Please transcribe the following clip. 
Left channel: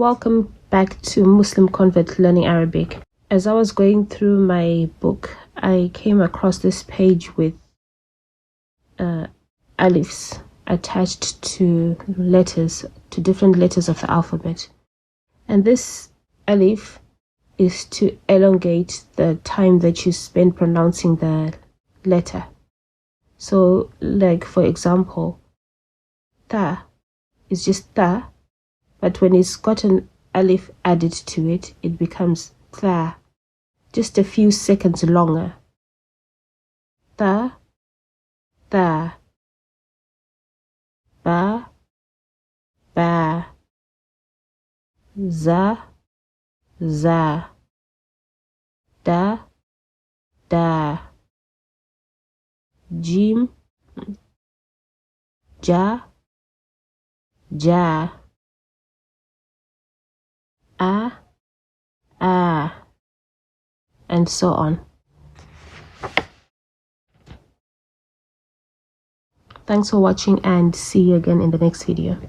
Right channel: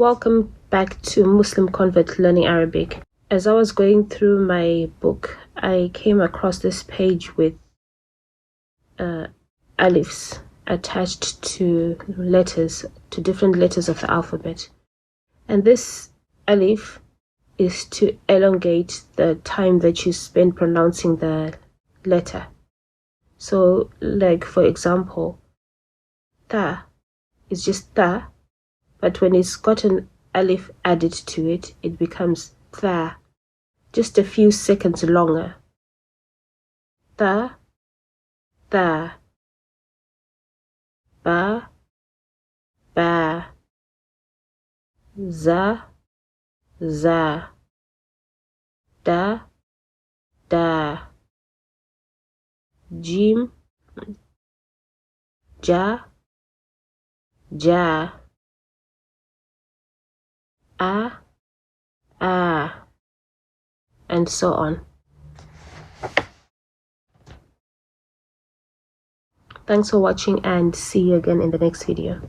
Welcome back to Muslim Convert Learning Arabic. As I was going through my book, I came across this page with alifs attached to letters, to different letters of the alphabet. And this alif is to elongate the time that you spend pronouncing the letter. So, like for example, ta is just ta, but when it's got an alif added to it, it becomes tha, just a few seconds longer. Ta, tha, ba, ba, za, za, da, da, jim, ja, ja, a, and so on. Thanks for watching and see you again in the next video.